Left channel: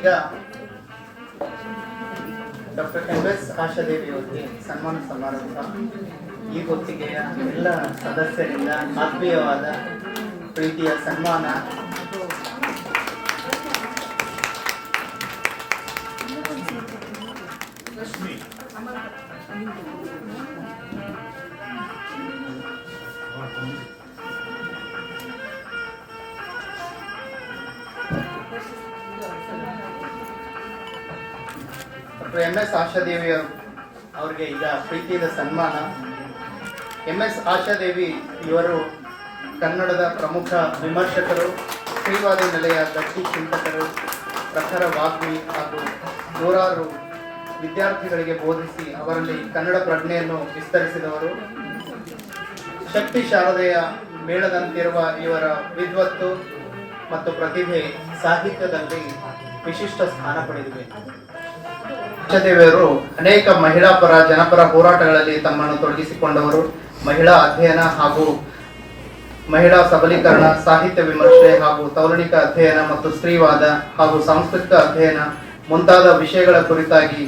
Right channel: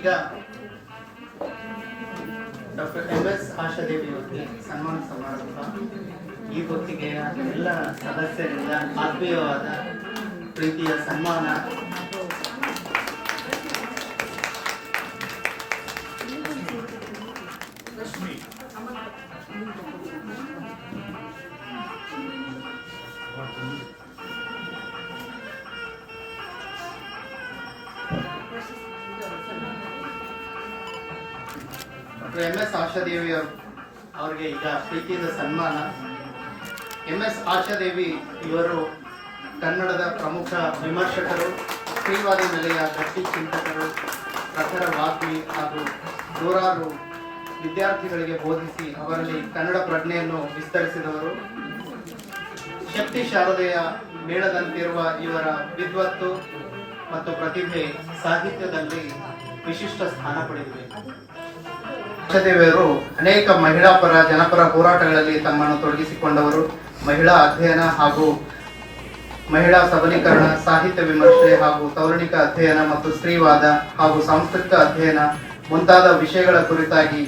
ಈಗ doctor M S ಆಶಾದೇವಿಯವರಿಗೆ ಸನ್ಮಾನ ಸಮಾರಂಭ. ಈ ಹೊತ್ತಿಗೆ ಎಲ್ಲ ಸದಸ್ಯರಿಂದ ಆತ್ಮೀಯವಾದ ಪ್ರೀತಿಯ ಸನ್ಮಾನ. ಡಾಕ್ಟರ್ ಎಂ ಎಸ್ ಆಶಾದೇವಿ ಅವ್ರ- ಅವರಿಗೆ ಈಗ ಪ್ರೀತಿಯ ಸನ್ಮಾನ. ಎಂ ಎಸ್ ಆಶಾದೇವಿ ಇವರು ಕನ್ನಡದ ಪ್ರಮುಖ ವಿಮರ್ಶಕರು, ಶ್ರೀವಾದಿ ನೆಲೆಯ ಗಟ್ಟಿ ಚಿಂತಕರು, ಪ್ರಖರ ವಾಗ್ಮಿ ಹಾಗೂ ನೂರಾರು ವಿದ್ಯಾರ್ಥಿಗಳಿಗೆ ಬೋಧಿಸಿ ಅವರಲ್ಲಿ ಕನ್ನಡ ಪ್ರಜ್ಞೆಯನ್ನು ವಿಸ್ತರಿಸಿದವರು. ಶಕ್ತಿ ಶಾರದೆಯ ಮೇಳದಂತಿರುವ ಇವರ ವಿದ್ವತ್ತು ಮತ್ತು ಪ್ರತಿಭೆ ಸಾಹಿತ್ಯದಲ್ಲಿ ವಿಶಿಷ್ಟ ಸ್ಥಾನ ಪಡೆದಿವೆ ದೇವಿಯವರು ಅನೇಕ ಮಹಿಳಾ ಪರ, ಜನಪರ ಹೋರಾಟಗಳಲ್ಲಿ ತಮ್ಮನ್ನು ತೊಡಗಿಸಿಕೊಂಡವರು. ಮಹಿಳಾ ಅಧ್ಯಯನ ಹಾಗೂ ಮಹಿಳಾ ಸಬಲೀಕರಣ, ಸಾಹಿತ್ಯ ವಿಮರ್ಶೆ ಹಾಗೂ ತೌರಣಿಕ ಅಧ್ಯಯನ ಮತ್ತು ಸ್ತ್ರೀವಾದ ಹಾಗೂ ಸಾಂಸ್ಕೃತಿಕ ಅಧ್ಯಯನ ಮುಂತಾದ ವಿಷಯಗಳ ಕುರಿತಾಗಿ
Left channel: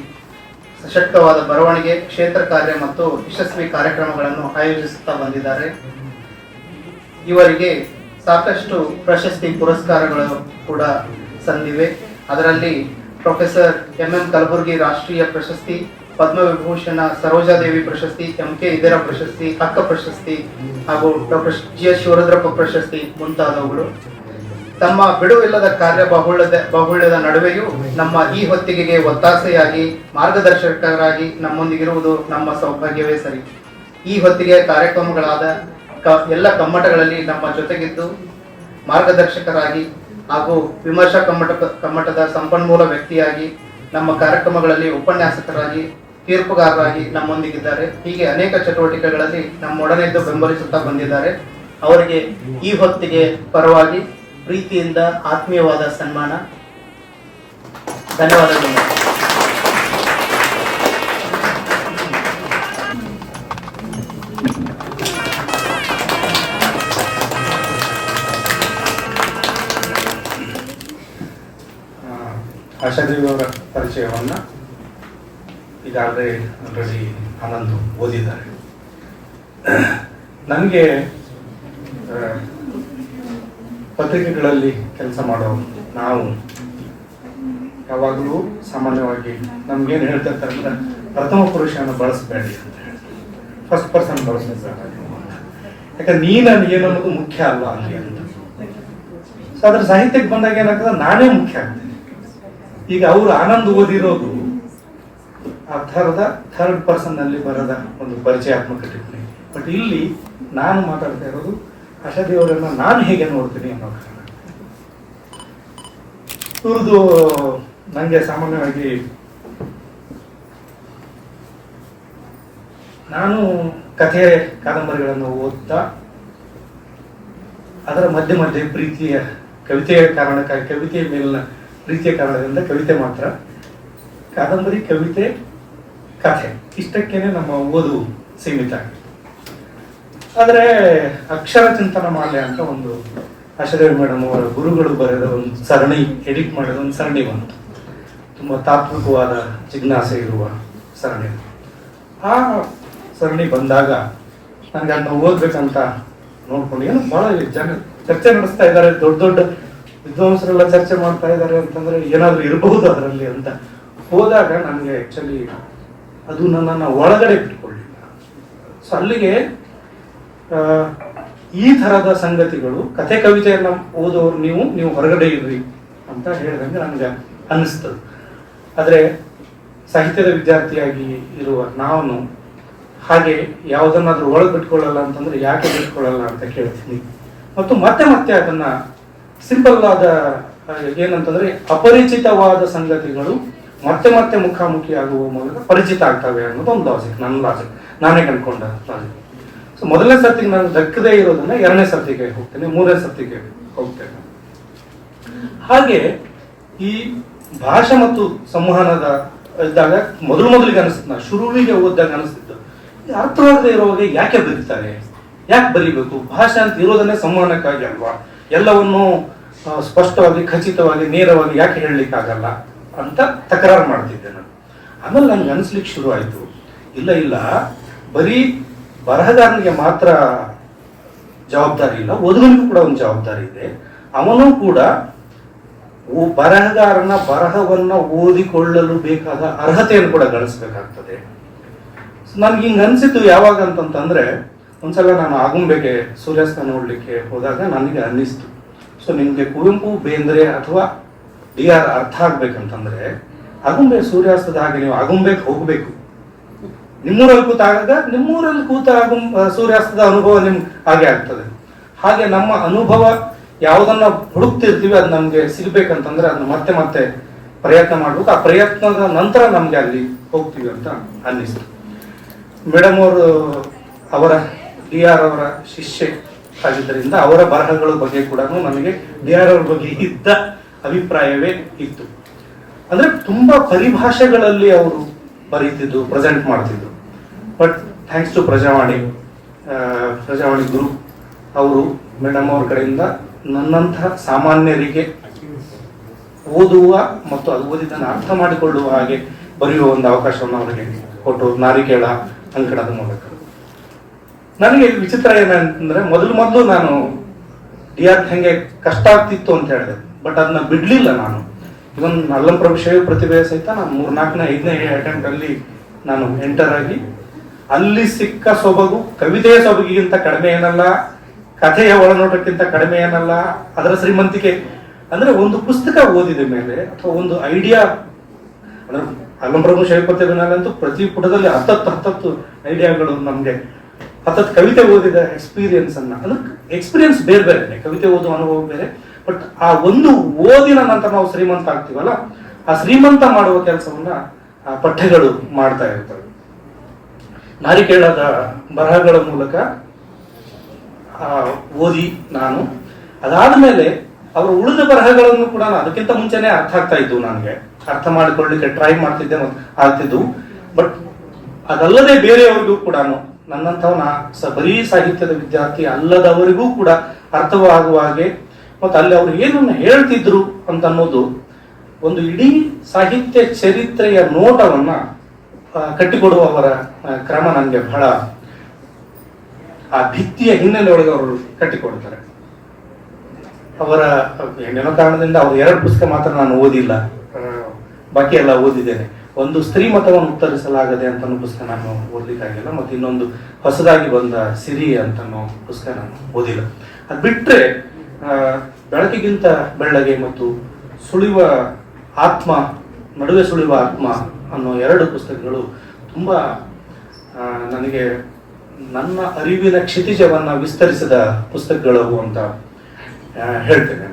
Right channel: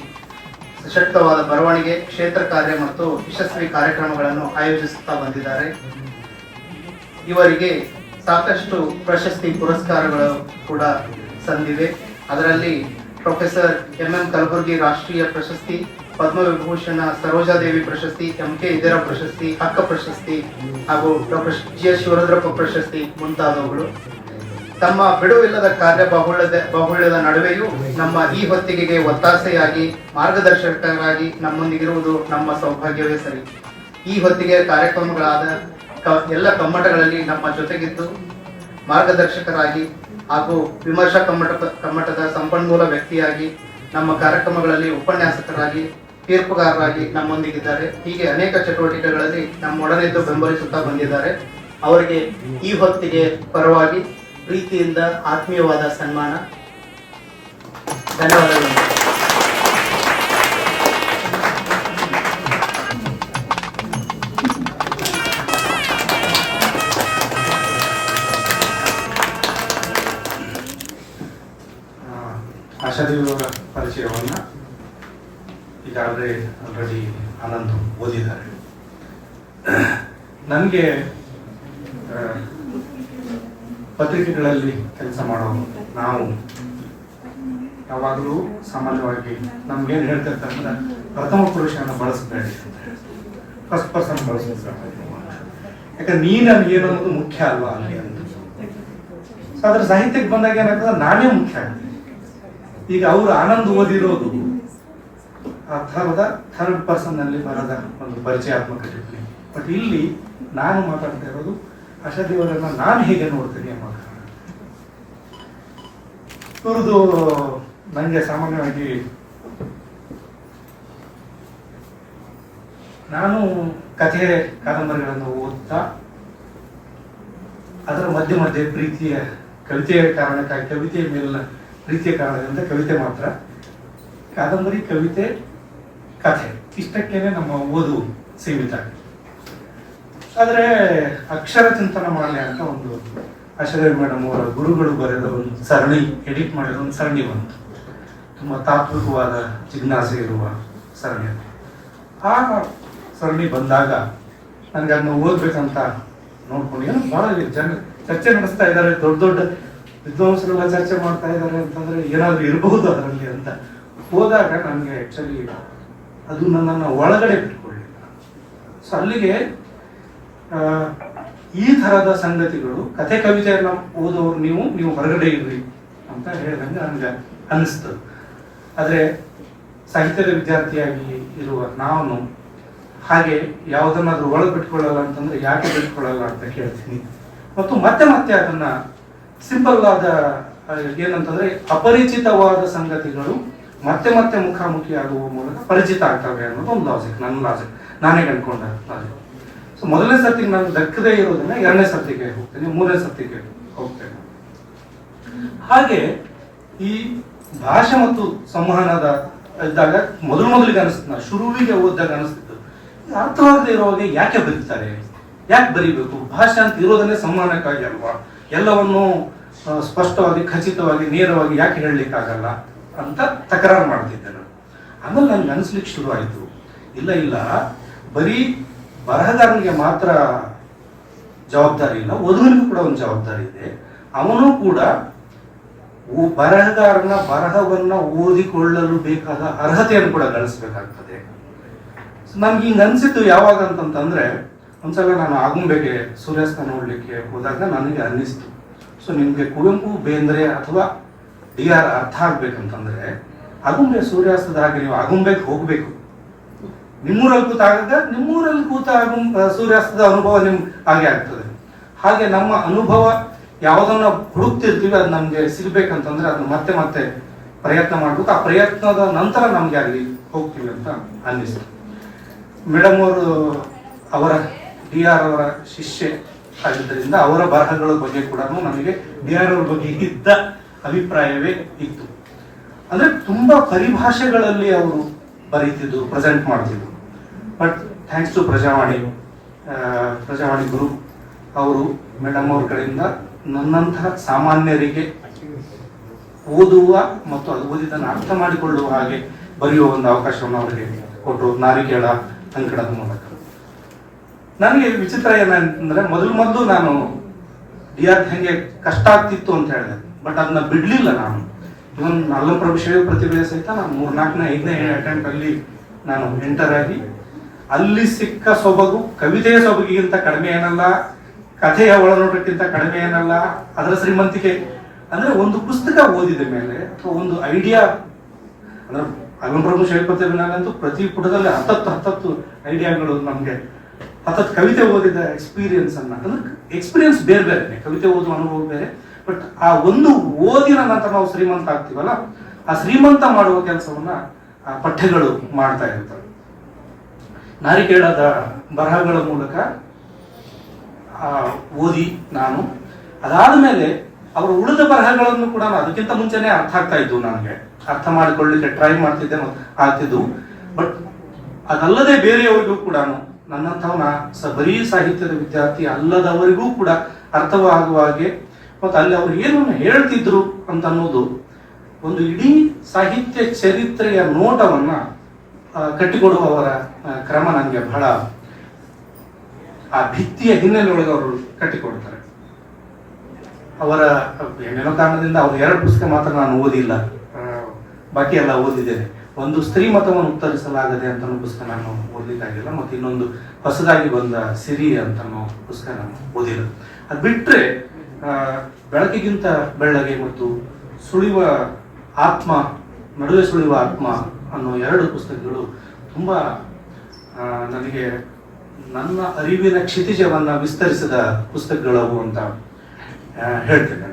ಸಶಕ್ತವಾದ ಬರವಣಿಗೆ, ಕ್ಷೇತ್ರ ಕಾರ್ಯ ಮತ್ತು ಯಶಸ್ವಿ ಕಾರ್ಯಕ್ರಮಗಳನ್ನು ಆಯೋಜಿಸುತ್ತಾ ಬಂದಿದ್ದಾರೆ. ಇವರಿಗೆ ಸಾಕಷ್ಟು ಪ್ರಶಸ್ತಿ ಪುರಸ್ಕಾರಗಳು ಕೂಡ ಸಂದಿವೆ. ಅದರಲ್ಲಿ ಪ್ರೊಫೆಸರ್ ಎಂ ಎಂ ಕಲಬುರ್ಗಿ ರಾಷ್ಟ್ರೀಯ ಪ್ರಶಸ್ತಿ, ಪದ್ಮವಿಭೂಷಣ ಸರೋಜಾದೇವಿ ಪ್ರಶಸ್ತಿ, ಎಂ ಕೆ ಇದರ ಪ್ರಶಸ್ತಿ, ಅಕ್ಕ ಪ್ರಶಸ್ತಿ ಹಾಗೂ ಡಾಕ್ಟರ್ ಜಿ ಎಸ್ ಶಿವರುದ್ರಪ್ಪ ಪ್ರಶಸ್ತಿ ಮುಂತಾದವುಗಳು. ತಮ್ಮ ಬಿಡುವಿಲ್ಲದ ಕಾರ್ಯ ಬಾಹುಳ್ಯದ ಬಾಹುಳ್ಯದ ನಡುವೆಯೂ ನಮ್ಮ ಈ ಹೊತ್ತಿಗೆಗೆ ಒತ್ತಾಸೆಯಾಗಿ, ಮಾರ್ಗದರ್ಶಕರಾಗಿ ನಮ್ಮೊಂದಿಗಿರುವುದು ನಮ್ಮ ಸೌಭಾಗ್ಯವೇ ಸರಿ. ಈ ಹೊತ್ತಿಗೆ ಕಾರ್ಯಕ್ರಮಗಳಾದ ಎಲ್ಲ ಕಮ್ಮಟಗಳಲ್ಲಿ ನಮ್ಮ ಜೊತೆಗಿದ್ದು ಮಾರ್ಗದರ್ಶಕರಾಗಿ ಹಾಗೂ ವಿಮರ್ಶಾ ಕಮ್ಮಟ ಕಮ್ಮಟದ ಸಂಪನ್ಮೂಲ ವ್ಯಕ್ತಿಯಾಗಿ ನಮ್ಮ ಕಾರ್ಯಕ್ರಮಗಳಲ್ಲಿ ಉಪನ್ಯಾಸಕರಾಗಿ, ತೀರ್ಪುಗಾರರಾಗಿ ನಮ್ಮೊಂದಿಗಿದ್ದಾರೆ. ಹೀಗೆ ಅನೇಕ ಚಟುವಟಿಕೆಗಳಲ್ಲಿ ನಮ್ಮೊಡನೆದ್ದು ಬೆಂಬಲಿಸುತ್ತಾ ಬಂದಿದ್ದಾರೆ. ಅವರಿಗೆ ಈ ಹೊತ್ತಿಗೆ ಪರವಾಗಿ ಪ್ರೀತಿಯಿಂದ ಆತ್ಮೀಯವಾದ ಸನ್ಮಾನ. ಧನ್ಯವಾದಗಳು. ಪರಿಚಯವನ್ನು ಈಗಾಗಲೇ ಆಲ್ರೆಡಿ ಆನಂದ್ ಓದಿದ್ದಾರೆ. ನನಗೆ ಪತ್ರಿಕೆಗಳಲ್ಲಿ ಕೆಲಸ ಮಾಡೋ ನಾವು ಯಾವಾಗಲೂ ಸಾಮಾನ್ಯವಾಗಿ ನಮ್ಗೇನು ಹೇಳ್ತಿರ್ತಾರೆ ಅಂದ್ರೆ ಪ್ರಥಮ ಪುರುಷನ ಬಳಸಬೇಡಿ ಅಂತ ಫಸ್ಟ್ ಪರ್ಸನ್ ಬಳಸಿದ್ರೆ ಯಾಕಂದ್ರೆ ನೀನು ಏನು ಅನ್ನೋದು ಮುಖ್ಯ ಅಲ್ಲ ಅಲ್ಲಿ ಅಂತ. ಅದ್ರ ಸಾಹಿತ್ಯಕ್ಕೆ ಬಂದಾಗ ಏನಾಗ್ತದೆ? ನಾನೇ ಮುಖ್ಯ ಆಗ್ತದೆ ಈಗ ಅವರು ಆನಂದ್ ಓದಿರೋದು. ಆ ಥರದ ಥರ್ಡ್ ಪರ್ಸನ್ನಲ್ಲಿ ಬರದ ಒಂದು ಪರಿಚಯಾತ್ಮಕ ಟಿಪ್ಪಣಿ. ಬಟ್ ಇಲ್ಲಿ ನಾನು ಮಾತಾಡ್ತಾ ಇರೋದು ಆಶಾದೇವರನ್ನ ನಾನು ಹೇಗೆ ನೋಡ್ತೀನಿ ಅನ್ನೋ ಕಾರಣ. ಇವ್ರದ್ದು ನನಗೆ ಸಾಮಾನ್ಯವಾಗಿ ನಾನು ಕಥೆ ಕಾದಂಬರಿಗಳನ್ನು ಓದ್ತಾ ಅದರ ಮಧ್ಯೆ ಮಧ್ಯೆ ಪ್ರೀತಿಯ ಕವಿತೆಯ ಕಾರಣಕ್ಕಾಗಿ ಕವಿತೆಯ ಮೇಲಿನ ಪ್ರೀತಿಯ ಕಾರಣದಿಂದ ಕವಿತೆ ಮಾತ್ರ. ಕಾದಂಬರಿ, ಕವಿತೆ, ಕಥೆ ಇಷ್ಟಕ್ಕೇನೆ ನಮ್ಮ ಓದು ಸೀಮಿತ ಆಗಿದೆ ಆದರೆ ಅಕ್ಷರ ಚಿಂತನ ಮಾಡಲಿ ಅಂತ ಒಂದು ಆಶಾದೇವಿ ಮೇಡಮ್ ಅವರ ಗುರುಗಳು ಬರೆದ ಒಂದು ಸರಣಿ, ಎಡಿಟ್ ಮಾಡಿದ ಒಂದು ಸರಣಿ ಬಂತು. ತುಂಬ ತಾತ್ವಿಕವಾದ ಜಿಜ್ಞಾಸೆ ಇರುವ ಸರಣಿ. ಆ ಸರಣಿ ಬಂದಾಗ ನನಗೆ ಅದನ್ನ ಓದ್ಬೇಕಂತ ನೋಡ್ಕೊಂಡು ಏನು ಬಹಳ ಜನ ಚರ್ಚೆ ನಡೆಸ್ತಾ ಇದ್ದಾರೆ, ದೊಡ್ಡ ದೊಡ್ಡ ವಿದ್ವಾಂಸರೆಲ್ಲ ಚರ್ಚೆ ಮಾಡ್ತಾ ಇದ್ದಾರೆ ಅಂತಂದ್ರೆ ಏನಾದರೂ ಇರಬಹುದು ಅದರಲ್ಲಿ ಅಂತ ಹೋದಾಗ ನನಗೆ ಆಕ್ಚುಲಿ ಅದು ನನ್ನನ್ನು ಒಳಗಡೆ ಬಿಟ್ಕೊಳ್ಳಿಲ್ಲ ಸೊ ಅಲ್ಲಿಗೆ ಈ ತರದ ಸಂಗತಿಗಳು, ಕಥೆ ಕವಿತೆಯನ್ನ ಓದೋರು ನೀವು ನೀವು ಹೊರಗಡೆ ಇರ್ರಿ ಅಂತ ಹೇಳಿದಂಗೆ ನನಗೆ ಅನಿಸ್ತದೆ ಆದರೆ ಸಾಹಿತ್ಯದ ವಿದ್ಯಾರ್ಥಿಯಾಗಿ ಇರುವ ನಾನು ಹಾಗೆ ಯಾವುದನ್ನಾದ್ರೂ ಒಳಗೆ ಬಿಟ್ಕೊಳ್ಳಲ್ಲ ಅಂತಂದ್ರೆ ಯಾಕೆ ಬಿಟ್ಕೊಳ್ಳಲ್ಲ ಅಂತ ಕೇಳ್ತೀನಿ. ಮತ್ತು ಮತ್ತೆ ಮತ್ತೆ ಅದನ್ನ ಸಿಂಪಲ್ ಆದ ಏನಂತಂದ್ರೆ ಅಪರಿಚಿತವಾದ ಸಂಗತಿಗಳು ಮತ್ತೆ ಮತ್ತೆ ಮುಖಾಮುಖಿ ಆಗುವ ಮೂಲಕ ಪರಿಚಿತ ಆಗ್ತವೆ ಅನ್ನೋದು ಒಂದು ಲಾಜಿಕ್ ನನ್ನ ಲಾಜಿಕ್ ನಾನೇ ಕಂಡ್ಕೊಂಡ ಲಾಜಿಕ್ ಸೊ ಮೊದಲನೇ ಸರ್ತಿ ನಾನು ದಕ್ಕದೇ ಇರೋದನ್ನ ಎರಡನೇ ಸರ್ತಿಗೆ ಹೋಗ್ತೇನೆ, ಮೂರನೇ ಸರ್ತಿಗೆ ಹೋಗ್ತೇನೆ. ಹಾಗೆ ಈ ಭಾಷೆ ಮತ್ತು ಸಂವಹನದ ಇದ್ದಾಗ ಮೊದಲು ಮೊದಲಿಗೆ ಅನಿಸ್ತು ಶುರುವಿಗೆ ಓದಿದಾಗ ಅನಿಸ್ತಿತ್ತು. ಅರ್ಥವಾಗದೆ ಇರುವಾಗ ಯಾಕೆ ಬರೀತಾರೆ? ಯಾಕೆ ಬರೀಬೇಕು? ಭಾಷೆ ಅಂತ ಇರೋದನ್ನೇ ಸಂವಹನಕ್ಕಾಗಿ ಅಲ್ವಾ? ಎಲ್ಲವನ್ನು ಸ್ಪಷ್ಟವಾಗಿ, ಖಚಿತವಾಗಿ, ನೇರವಾಗಿ ಯಾಕೆ ಹೇಳಲಿಕ್ಕಾಗಲ್ಲ ಅಂತ ತಕರಾರು ಮಾಡ್ತಿದ್ದೆ ನಾನು. ಆಮೇಲೆ ನನ್ಗೆ ಅನಿಸ್ಲಿಕ್ಕೆ ಶುರು ಆಯ್ತು. ಇಲ್ಲ ಇಲ್ಲ, ಬರೀ ಬರಹಗಾರನಿಗೆ ಮಾತ್ರ ಜವಾಬ್ದಾರಿ ಇಲ್ಲ ಓದುಗನಿಗೂ ಕೂಡ ಒಂದು ಜವಾಬ್ದಾರಿ ಇದೆ. ಅವನು ಕೂಡ ಬರಹಗಾರನ ಬರಹವನ್ನ ಓದಿಕೊಳ್ಳಲು ಬೇಕಾದ ಅರ್ಹತೆಯನ್ನು ಕೂಡ ಗಳಿಸಬೇಕಾಗ್ತದೆ. ನನ್ಗೆ ಹಿಂಗೆ ಅನ್ಸಿತ್ತು ಯಾವಾಗ ಅಂತಂತಂದ್ರೆ ಒಂದ್ಸಲ ನಾನು ಆಗುಂಬೆಗೆ ಸೂರ್ಯಾಸ್ತ ನೋಡಲಿಕ್ಕೆ ಹೋದಾಗ ನನಗೆ ಅನ್ನಿಸ್ತು. ಸೊ ನಿಮಗೆ ಕುವೆಂಪು, ಬೇಂದ್ರೆ ಅಥವಾ ಡಿ ಆರ್ ಅರ್ಥ ಆಗ್ಬೇಕಂತಂದ್ರೆ, ಆಗುಂಬೆ ಸೂರ್ಯಾಸ್ತದಾಗಿ ನೀವು ಆಗುಂಬೆಗೆ ಹೋಗ್ಬೇಕು. ನಿಮ್ಮೂರಲ್ಲಿ ಕೂತಾಗ, ನಿಮ್ಮೂರಲ್ಲಿ ಕೂತ ಆಗುಂ ಸೂರ್ಯಾಸ್ತದ ಅನುಭವ ನಿಮ್ ಹಾಗೆ ಆಗ್ತದೆ. ಹಾಗೆ ನಮ್ಮ ಅನುಭವ ಯಾವುದನ್ನ ಹುಡುಕ್ತಿರ್ತೀವಿ, ಅದು ನಮ್ಗೆ ಸಿಗ್ಬೇಕಂತಂದ್ರೆ ಅದನ್ನ ಮತ್ತೆ ಮತ್ತೆ ಪ್ರಯತ್ನ ಮಾಡಬೇಕು. ಆ ಪ್ರಯತ್ನದ ನಂತರ ನಮ್ಗೆ ಅಲ್ಲಿ ಹೋಗ್ತೀವಿ ಅಂತ ಅನ್ನಿಸ್ತು. ಮೇಡಮ್ ಅವರು ಅವರ ಡಿ ಆರ್ ಅವರ ಶಿಷ್ಯ ಆಗಿದ್ದರಿಂದ ಅವರ ಬರಹಗಳ ಬಗ್ಗೆ ಕೂಡ ನಮಗೆ ಡಿ ಆರ್ ಅವರ ಬಗ್ಗೆ ಇದ್ದ ಅಭಿಪ್ರಾಯವೇ ಇತ್ತು. ಅಂದ್ರೆ ತುಂಬಾ ಪರಿಭಾಷೆಗಳಲ್ಲಿ ಅವರು ಬರೀತಿದ್ದು ಪ್ರೆಸೆಂಟ್ ಮಾಡ್ತಿದ್ರು but thanks to Prajavani Prajavani Guru ಅವರು ಮೇಡಮ್ ಅವ್ರ ಕಡೆಯಿಂದ ನನ್ನಂತಹ ಸಾಮಾನ್ಯರಿಗೆ ಓದುವ ಮತ್ತು ಅದು ಓದಿದ್ದನ್ನು ಅರ್ಥ ಮಾಡಿಕೊಳ್ಳುವ ಹಾಗೆ ಬರೆಯುವ ಒಂದು ಅವಕಾಶವನ್ನು ಅವರಿಗೆ ಕೊಟ್ಟು ನಾರಿಕೇಳ ಅಂಕಣದ ಮೂಲಕ. ನನಗೆ ವಿಚಿತ್ರ ಏನಂತಂದ್ರೆ ಮೊದಲು ಮೊದಲು ನಾನು ಡಿ ಆರ್ ಹೆಂಗೆ ಕಷ್ಟ ಆಗ್ತಿತ್ತು ಅಂತ ಹೇಳಿದೆ. ಬಟ್ ಅದನ್ನ ಬಿಡ್ಲಿಲ್ಲ ನಾನು. ಇವನ್ ಅಲ್ಲಂ ಪ್ರಭು ಪ್ರತಿಭೆ ಸಹಿತ ನಾನು ಮೂರ್ನಾಲ್ಕನೇ, ಐದನೇ ಅಟೆಂಪ್ಟ್ ಅಲ್ಲಿ ನಾನು ಎಂಟರ್ ಆಗಿ, ಅಲ್ಲಿ ಸಿಕ್ಕ ಸೊಬಗು ಕವಿತೆಯ ಸೊಬಗಿಗಿಂತ ಕಡಿಮೆ ಏನಲ್ಲ, ಕಥೆಯ ಒಳನೋಟಕ್ಕಿಂತ ಕಡಿಮೆ ಏನಲ್ಲ, ಅದರ ಶ್ರೀಮಂತಿಕೆ. ಅಂದ್ರೆ ಒಂದು ಪುಸ್ತಕ ಓದಿದ ಮೇಲೆ ಅಥವಾ ಒಂದು ಐಡಿಯಾ ಅಂದ್ರೆ ಅಲ್ಲಂ ಶೈವ ಪ್ರತಿಭೆನಲ್ಲಂತೂ ಪ್ರತಿ ಪುಟದಲ್ಲಿ ಹತ್ತತ್ತು ಹತ್ತತ್ತು ಐಡಿಯಾಗಳು ನಮ್ಗೆ ಹತ್ತತ್ತು ಕವಿತೆ ಓದಿದ ಎಕ್ಸ್ಪೀರಿಯನ್ಸ್ ಅನ್ನ. ಅದು ಎಕ್ಸ್ಪೀರಿಯನ್ಸ್ ಬೇರೆ ಬೇರೆ ಕವಿತೆ ಓದುವ ಅನುಭವ ಬೇರೆ. ಬಟ್ ಆ ಒಂದು ಓದಿನ ನಂತರ ನಾವು ಶ್ರೀಮಂತ ಆಗ್ತೀವಲ್ಲ ಆ ಶ್ರೀಮಂತ ಮಾಡುವ ಕೆಲಸವನ್ನ ಆ ಪಠ್ಯಗಳು ಮಾಡ್ತಾ ಇರ್ತವೆ. ನಾರಿಕೇಳದ ಬರಹಗಳ ಮೂಲಕ ಆ, ಓದಿ ನಾನು. ಅದಾದ ಮೇಲೆ ಅವರ ಉಳಿದ ಬರಹಗಳನ್ನು ಕೂಡ ಅದಕ್ಕಿಂತ ಮುಂಚೆನೆ ಅರ್ಥ ಆಗ್ತಾ ಇದ್ವು ನನಗೆ. ಅರ್ಥ ಮಾಡಿಕೊಳ್ಳಿಕ್ಕೆ ಟ್ರೈ ಮಾಡ್ತಿದ್ದೆ ಆಗ್ತಿದ್ದು. ಬಟ್ ಅದಲ್ಲದೆ ಬೇರೆಯವರಿಗೂ ಕೂಡ ನನ್ನಂಥವ್ ನಾ ಸ ಬರೀ ಸಾಹಿತ್ಯದ ವಿದ್ಯಾರ್ಥಿ ಅಲ್ಲದವರಿಗೂ ಕೂಡ ಅರ್ಥವಾಗುವ ಹಾಗೆ ಮತ್ತು ಅಲ್ಲಿ ಅವರು ಏನನ್ನು ಹೇಳ್ತಿದ್ರು ಅಂತ ಅನ್ನೋದು ಒಂದು ಇಡೀ ಸಾಹಿತ್ಯ ಚರಿತ್ರೆಯ ನೋಟವನ್ನ ಕಟ್ಟಿಕೊಡುವ ಅವರ ಕ್ರಮ ನನಗೆ ಬಹಳ ಆ ಭಿತ್ತಿಯ ಹಿನ್ನೆಲೆ ಒಳಗೆ ಅವರು ಕಟ್ಟಿಕೊಡ್ತಾರೆ. ಅವರ ಕಾರಣದಿಂದ ಅವ್ರ ಎರಡು ಪುಸ್ತಕ ಮಾತ್ರ ನಾನು ಓದಿಲ್ಲ. ಬಾಕಿ ಎಲ್ಲ ಓದಿದ್ದೇನೆ. ಒಂದು ಸ್ತ್ರೀ ಮತವನ್ನು ಉತ್ತರಿಸಲಾಗದೆ ಅಂತ ಪುಸ್ತಕ ನಾನು ಓದಲಿಕ್ಕಾಗಿಲ್ಲ ಮತ್ತು ಇನ್ನೊಂದು ಹೊಸದಾಗಿ ಬಂದ ಸಿರಿ ಅಂತ ಪುಸ್ತಕ ನಾನು ಓದಿಲ್ಲ ಅದು ಬಿಟ್ರೆ ಆ, ಬೆಳಕಿಗಿಂತ ಬೆಳ್ಳಗೆ ಮತ್ತು ಸುಳಿವ ಆತ್ಮ ನಡುವೆ ಸುಳಿವ ಆತ್ಮ ಅನ್ನೋ ಎರಡು ಪುಸ್ತಕಗಳು ತುಂಬಾ ನನಗೆ ನನ್ನ ಅರಿವಿನ ಕ್ಷಿತಿಜವನ್ನು ವಿಸ್ತರಿಸಿದ ಪುಸ್ತಕಗಳವು ಅಂತ ಹೇಳ್ತೇನೆ.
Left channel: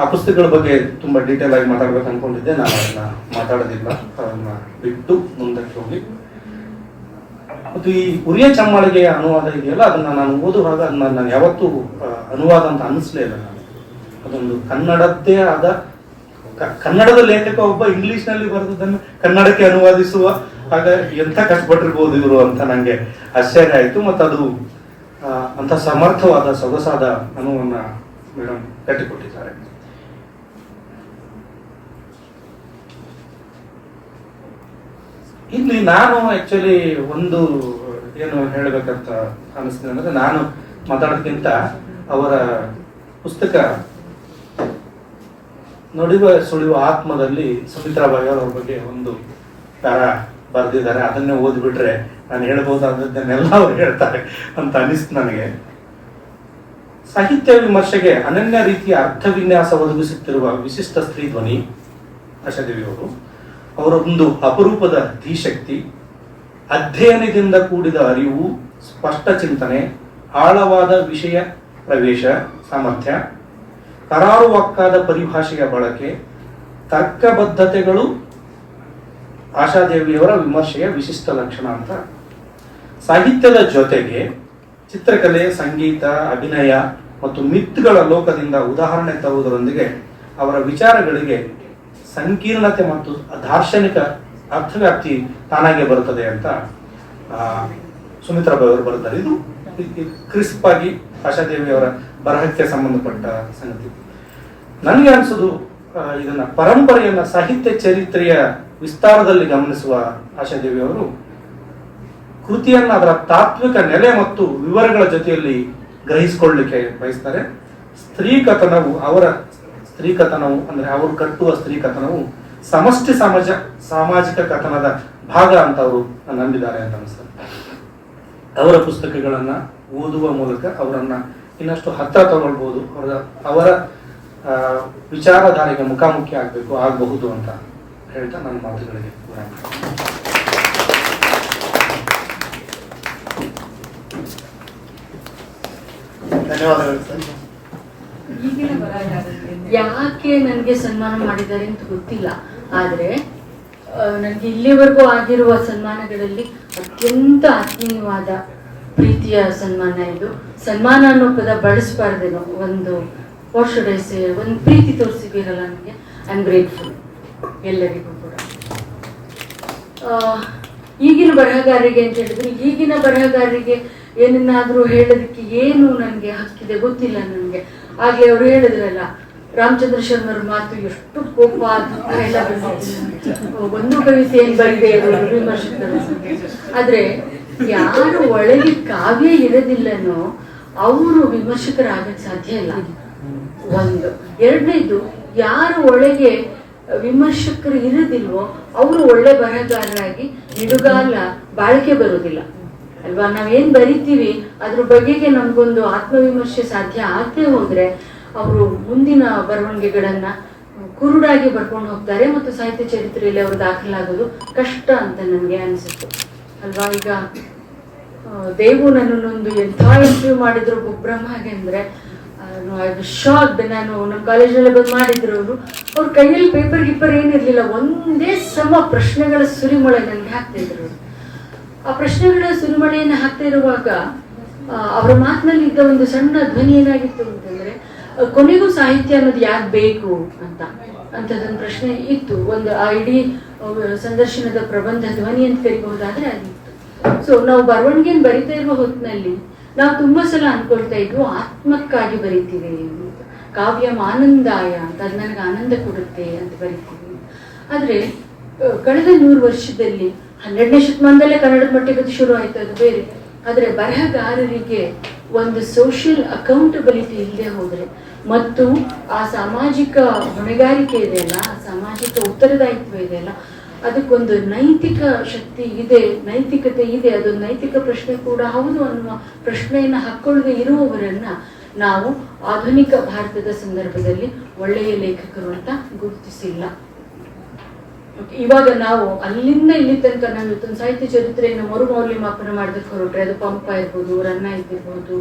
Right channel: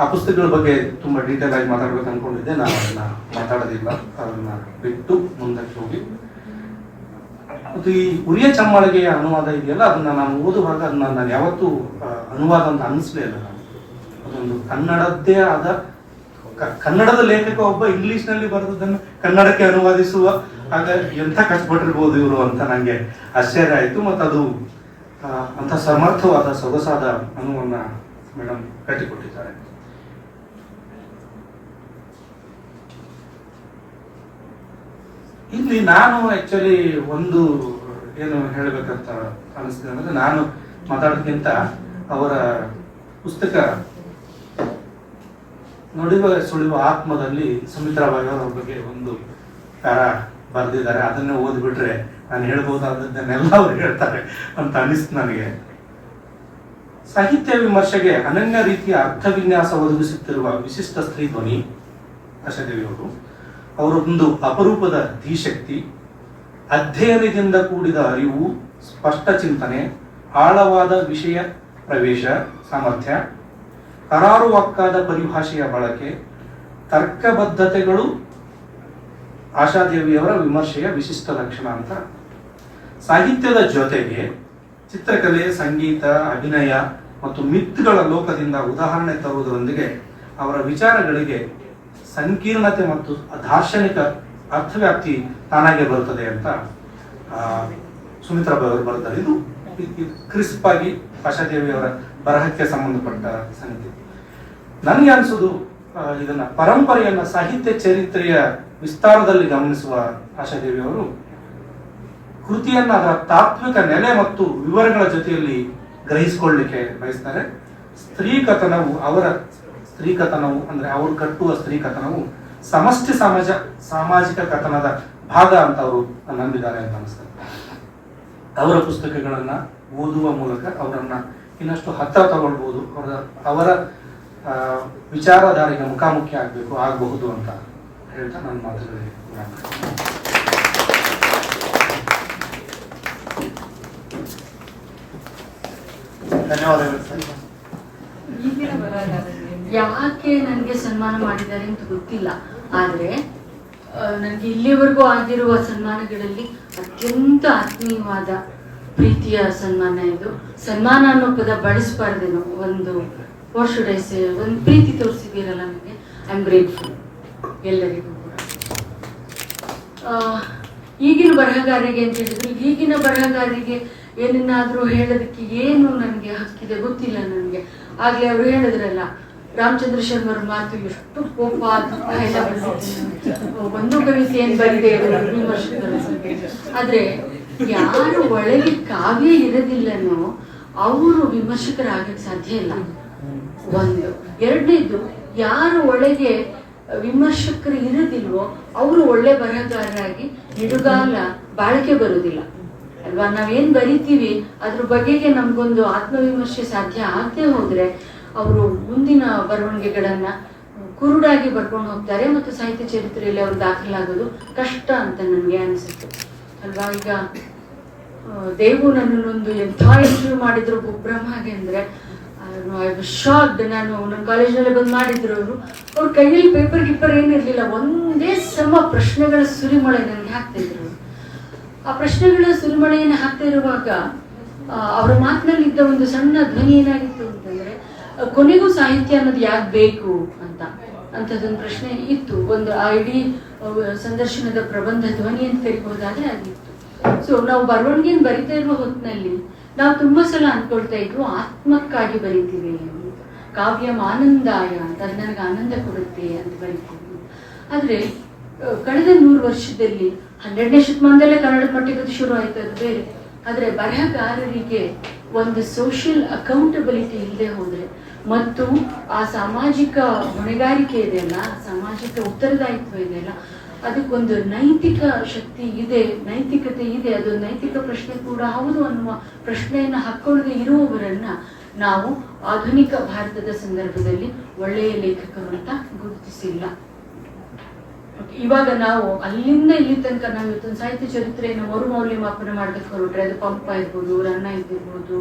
ಆ ಪುಸ್ತಕಗಳ ಬಗ್ಗೆ ತುಂಬಾ ಡೀಟೇಲ್ ಆಗಿ ಮಾತಾಡ್ಬೇಕು ಅನ್ಕೊಂಡಿದ್ದೆ. ನಾನು ಅದನ್ನ ಮಾತಾಡೋದಿಲ್ಲ. ಅದನ್ನ ಬಿಟ್ಟು ಮುಂದಕ್ಕೆ ಹೋಗಿ. ಮತ್ತು ಈ ಉರಿಯ ಚಮ್ಮಳಿಗೆಯ ಅನುವಾದ ಇದೆಯಲ್ಲ, ಅದನ್ನ ನಾನು ಓದುವಾಗ ಅದನ್ನ ನಾನು ಯಾವತ್ತೂ ಅನುವಾದ ಅಂತ ಅನ್ನಿಸ್ಲೇ ಇಲ್ಲ ಅದೊಂದು ಕನ್ನಡದ್ದೇ ಆದ ಕನ್ನಡದ ಲೇಖಕ ಒಬ್ಬ ಇಂಗ್ಲಿಷ್ನಲ್ಲಿ ಬರೆದದನ್ನು ಕನ್ನಡಕ್ಕೆ ಅನುವಾದಿಸುವ ಆಗ ಎಂಥ ಕಷ್ಟಪಟ್ಟಿರ್ಬೋದು ಇವರು ಅಂತ ನಂಗೆ ಆಶ್ಚರ್ಯ ಆಯಿತು. ಮತ್ತು ಅದು ಅಂಥ ಸಮರ್ಥವಾದ, ಸೊಗಸಾದ ಅನುವನ್ನ ಮೇಡಮ್ ಕಟ್ಟಿಕೊಟ್ಟಿದ್ದಾರೆ. ಇಲ್ಲಿ ನಾನು ಆಕ್ಚುಲಿ ಒಂದು, ಏನು ಹೇಳ್ಬೇಕಂತ ಅನಿಸ್ತಿದೆ ಅಂದ್ರೆ ನಾನು ಮಾತಾಡೋದಕ್ಕಿಂತ ಅವರ ಪುಸ್ತಕ ನುಡಿವ ಸುಳಿವ ಆತ್ಮದಲ್ಲಿ ಸುಮಿತ್ರಾ ಬಾಯಿ ಅವರ ಬಗ್ಗೆ ಒಂದು ಪ್ಯಾರ ಬರೆದಿದ್ದಾರೆ. ಅದನ್ನೇ ಓದಿಬಿಟ್ರೆ ನಾನು ಹೇಳ್ಬೋದಾದದ್ದನ್ನೆಲ್ಲ ಅವ್ರು ಹೇಳ್ತಾರೆ ಅಂತ ಅನಿಸ್ತು ನನಗೆ. ಸಾಹಿತ್ಯ ವಿಮರ್ಶೆಗೆ ಅನನ್ಯ ರೀತಿಯ ಅರ್ಥವಿನ್ಯಾಸ ಒದಗಿಸುತ್ತಿರುವ ವಿಶಿಷ್ಟ ಸ್ತ್ರೀ ಧ್ವನಿ ಆಶಾದೇವಿಯವರು ಅವರೊಂದು ಅಪರೂಪದ ಧೀಶಕ್ತಿ, ಅಧ್ಯಯನದಿಂದ ಕೂಡಿದ ಅರಿವು, ಸ್ಪಷ್ಟ ಚಿಂತನೆ, ಆಳವಾದ ವಿಷಯ, ಪ್ರವೇಶ, ಸಾಮರ್ಥ್ಯ ಕರಾರುವಕ್ಕಾದ ಪರಿಭಾಷೆಯ ಬಳಕೆ, ತರ್ಕಬದ್ಧತೆಗಳು, ಆಶಾದೇವಿಯವರ ವಿಮರ್ಶೆಯ ವಿಶಿಷ್ಟ ಲಕ್ಷಣ ಅಂತ. ಸಾಹಿತ್ಯದ ಜೊತೆಗೆ ಚಿತ್ರಕಲೆ, ಸಂಗೀತ, ಅಭಿನಯ ಮತ್ತು ಮಿತ್ಗಳ ಲೋಕದಿಂದ ಉದಾಹರಣೆ ತರುವುದರೊಂದಿಗೆ ಅವರ ವಿಚಾರಗಳಿಗೆ ಸಂಕೀರ್ಣತೆ ಮತ್ತು ದಾರ್ಶನಿಕ ಅರ್ಥವ್ಯಾಪ್ತಿ ತಾನಾಗೆ ಬರುತ್ತದೆ ಅಂತ ಆ, ಸುಮಿತ್ರಾ ಬಾಯಿ ಅವರು ಬರುತ್ತಾರೆ. ಇದು ಕ್ರಿಸ್ಪ್ ಆಗಿ ಆಶಾದೇವಿಯವರ ಬರಹಕ್ಕೆ ಸಂಬಂಧಪಟ್ಟ ಸಂಗತಿ. ನನಗೆ ಅನಿಸೋದು ಇದನ್ನ ಪರಂಪರೆಯನ್ನ ಸಾಹಿತ್ಯ ಚರಿತ್ರೆಯ ವಿಸ್ತಾರದಲ್ಲಿ ಗಮನಿಸುವ ಆಶಾದೇವಿ ಅವರು ಕೃತಿಯನ್ನ ಅದರ ತಾತ್ವಿಕ ನೆಲೆ ಮತ್ತು ವಿವರಗಳ ಜೊತೆಯಲ್ಲಿ ಗ್ರಹಿಸಿಕೊಳ್ಳಲಿಕ್ಕೆ ಬಯಸ್ತಾರೆ. ಸ್ತ್ರೀ ಕಥನವು ಅವರ ಸ್ತ್ರೀ ಕಥನವು ಅಂದ್ರೆ ಅವರು ಕಟ್ಟುವ ಸ್ತ್ರೀ ಕಥನವು ಸಮಷ್ಟಿ ಸಮಾಜ ಸಾಮಾಜಿಕ ಕಥನದ ಭಾಗ ಅಂತ ಅವರು ನಂಬಿದ್ದಾರೆ ಅಂತ ಅನಿಸ್ತದೆ ಅವರ ಪುಸ್ತಕಗಳನ್ನ ಓದುವ ಮೂಲಕ ಅವರನ್ನ ಇನ್ನಷ್ಟು ಹತ್ತಿರ ತಗೊಳ್ಬಹುದು ಅವರ ಅವರ ವಿಚಾರಧಾರೆಗೆ ಮುಖಾಮುಖಿ ಆಗಬೇಕು ಆಗಬಹುದು ಅಂತ ಹೇಳ್ತಾ ನನ್ನ ಮಾತುಗಳಿಗೆ. ಧನ್ಯವಾದಗಳು ಸರ್. ಯಾಕೆ ನನಗೆ ಸನ್ಮಾನ ಮಾಡಿದ್ದಾರೆ ಅಂತ ಗೊತ್ತಿಲ್ಲ. ಆದ್ರೆ ನನಗೆ ಇಲ್ಲಿವರೆಗೂ ಆಗಿರುವ ಸನ್ಮಾನಗಳಲ್ಲಿ ಅತ್ಯಂತ ಆತ್ಮೀಯವಾದ ಪ್ರೀತಿಯ ಸನ್ಮಾನ ಇದು. ಸನ್ಮಾನ ಅನ್ನೋ ಪದ ಬಳಸಬಾರ್ದೇನೋ, ಒಂದು ಪೋಷಡೈಸೆ ಒಂದು ಪ್ರೀತಿ ತೋರಿಸಿದ್ದೀರಲ್ಲ ನನಗೆ. ಐ ಆಮ್ ಗ್ರೇಟ್ಫುಲ್ ಎಲ್ಲರಿಗೂ ಕೂಡ. ಈಗಿನ ಬರಹಗಾರರಿಗೆ ಅಂತ ಹೇಳಿದ್ರು, ಈಗಿನ ಬರಹಗಾರರಿಗೆ ಏನನ್ನಾದ್ರೂ ಹೇಳೋದಕ್ಕೆ ಏನು ನನಗೆ ಹಕ್ಕಿದೆ ಗೊತ್ತಿಲ್ಲ ನನಗೆ. ಹಾಗೆ ಅವ್ರು ಹೇಳಿದ್ರಲ್ಲ ರಾಮಚಂದ್ರ ಶರ್ಮರ ಮಾತು ಎಷ್ಟು ಕೋಪ ಎಲ್ಲ. ಒಂದು ಕವಿತೆ ಏನ್ ಬರಿದೆ ಆದ್ರೆ ಯಾರು ಒಳಗೆ ಕಾವ್ಯ ಇರೋದಿಲ್ಲನೋ ಅವರು ವಿಮರ್ಶಕರಾಗಕ್ಕೆ ಸಾಧ್ಯ ಇಲ್ಲ. ಒಂದು. ಎರಡನೇದು, ಯಾರು ಒಳಗೆ ವಿಮರ್ಶಕರು ಇರೋದಿಲ್ವೋ ಅವರು ಒಳ್ಳೆ ಬರಹಗಾರರಾಗಿ ನಿಡುಗಾಲ ಬಾಳಿಕೆ ಬರೋದಿಲ್ಲ. ಅಲ್ವಾ? ನಾವೇನ್ ಬರಿತೀವಿ, ಅದ್ರ ಬಗೆಗೆ ನಮ್ಗೊಂದು ಆತ್ಮವಿಮರ್ಶೆ ಸಾಧ್ಯ ಆಗದೆ ಹೋದ್ರೆ ಅವರು ಮುಂದಿನ ಬರವಣಿಗೆಗಳನ್ನ ಕುರುಡಾಗಿ ಬರ್ಕೊಂಡು ಹೋಗ್ತಾರೆ ಮತ್ತು ಸಾಹಿತ್ಯ ಚರಿತ್ರೆಯಲ್ಲಿ ಅವರು ದಾಖಲಾಗೋದು ಕಷ್ಟ ಅಂತ ನನಗೆ ಅನಿಸುತ್ತೆ. ಅಲ್ವಾ? ಈಗ ದೇವು ನನ್ನನ್ನೊಂದು ಎಂಥ ಇಂಟರ್ವ್ಯೂ ಮಾಡಿದ್ರು ಬ್ರಹ್ಮಗೆ ಅಂದ್ರೆ ಶಾಕ್ ನಾನು ನಮ್ಮ ಕಾಲೇಜಲ್ಲೇ ಬಂದು ಮಾಡಿದ್ರು ಅವರು. ಅವ್ರ ಕೈಯಲ್ಲಿ ಪೇಪರ್ ಗಿಪ್ಪರ್ ಏನಿರ್ಲಿಲ್ಲ. ಒಂದೇ ಸಮ ಪ್ರಶ್ನೆಗಳ ಸುರಿಮಳೆ ನನಗೆ ಹಾಕ್ತಾ ಇದ್ರು ಅವ್ರು. ಆ ಪ್ರಶ್ನೆಗಳ ಸುರಿಮಳೆಯನ್ನು ಹಾಕ್ತಾ ಇರುವಾಗ ಅವರ ಮಾತಿನಲ್ಲಿ ಇದ್ದ ಒಂದು ಸಣ್ಣ ಧ್ವನಿ ಏನಾಗಿತ್ತು ಅಂತಂದ್ರೆ ಕೊನೆಗೂ ಸಾಹಿತ್ಯ ಅನ್ನೋದು ಯಾಕೆ ಬೇಕು ಅಂತ? ಅಂತದೊಂದು ಪ್ರಶ್ನೆ ಇತ್ತು. ಒಂದು ಆ ಇಡೀ ಸಂದರ್ಶನದ ಪ್ರಬಂಧ ಧ್ವನಿ ಅಂತ ಕರಿಬಹುದಾದ್ರೆ ಅದಿತ್ತು. ಸೊ ನಾವು ಬರವಣಿಗೆಯನ್ನು ಬರಿತಾ ಇರುವ ಹೊತ್ತಿನಲ್ಲಿ ನಾವು ತುಂಬಾ ಸಲ ಅನ್ಕೊಳ್ತಾ ಇದ್ವು, ಆತ್ಮಕ್ಕಾಗಿ ಬರಿತೀವಿ ಅಂತ ಕಾವ್ಯ ಆನಂದಾಯ ಅಂತ, ಅದು ನನಗೆ ಆನಂದ ಕೊಡುತ್ತೆ ಅಂತ ಬರಿತೀವಿ. ಆದ್ರೆ ಕಳೆದ ನೂರು ವರ್ಷದಲ್ಲಿ ಹನ್ನೆರಡನೇ ಶತಮಾನದಲ್ಲೇ ಕನ್ನಡ ಮಟ್ಟಿಗೆ ಶುರು ಆಯ್ತು ಅದು ಬೇರೆ. ಆದ್ರೆ ಬರಹಗಾರರಿಗೆ ಒಂದು ಸೋಷಿಯಲ್ ಅಕೌಂಟಬಿಲಿಟಿ ಇಲ್ಲದೆ ಹೋದ್ರೆ ಮತ್ತು ಆ ಸಾಮಾಜಿಕ ಹೊಣೆಗಾರಿಕೆ ಇದೆಯಲ್ಲ ಸಾಮಾಜಿಕ ಉತ್ತರದಾಯಿತ್ವ ಇದೆಯಲ್ಲ ಅದಕ್ಕೊಂದು ನೈತಿಕ ಶಕ್ತಿ ಇದೆ, ನೈತಿಕತೆ ಇದೆ, ಅದೊಂದು ನೈತಿಕ ಪ್ರಶ್ನೆ ಕೂಡ ಹೌದು ಅನ್ನುವ ಪ್ರಶ್ನೆಯನ್ನು ಹಾಕೊಳ್ಳದೆ ಇರುವವರನ್ನ ನಾವು ಆಧುನಿಕ ಭಾರತದ ಸಂದರ್ಭದಲ್ಲಿ ಒಳ್ಳೆಯ ಲೇಖಕರು ಅಂತ ಗುರುತಿಸಿಲ್ಲ. ಇವಾಗ ನಾವು ಅಲ್ಲಿಂದ ಇಲ್ಲಿ ತನಕ ನಾವು ಸಾಹಿತ್ಯ ಚರಿತ್ರೆಯನ್ನು ಮರು ಮೌಲ್ಯಮಾಪನ ಮಾಡೋದಕ್ಕೆ ಹೊರಟ್ರೆ ಅದು ಪಂಪ ಇರ್ಬೋದು, ರನ್ನ ಇದ್ದಿರ್ಬೋದು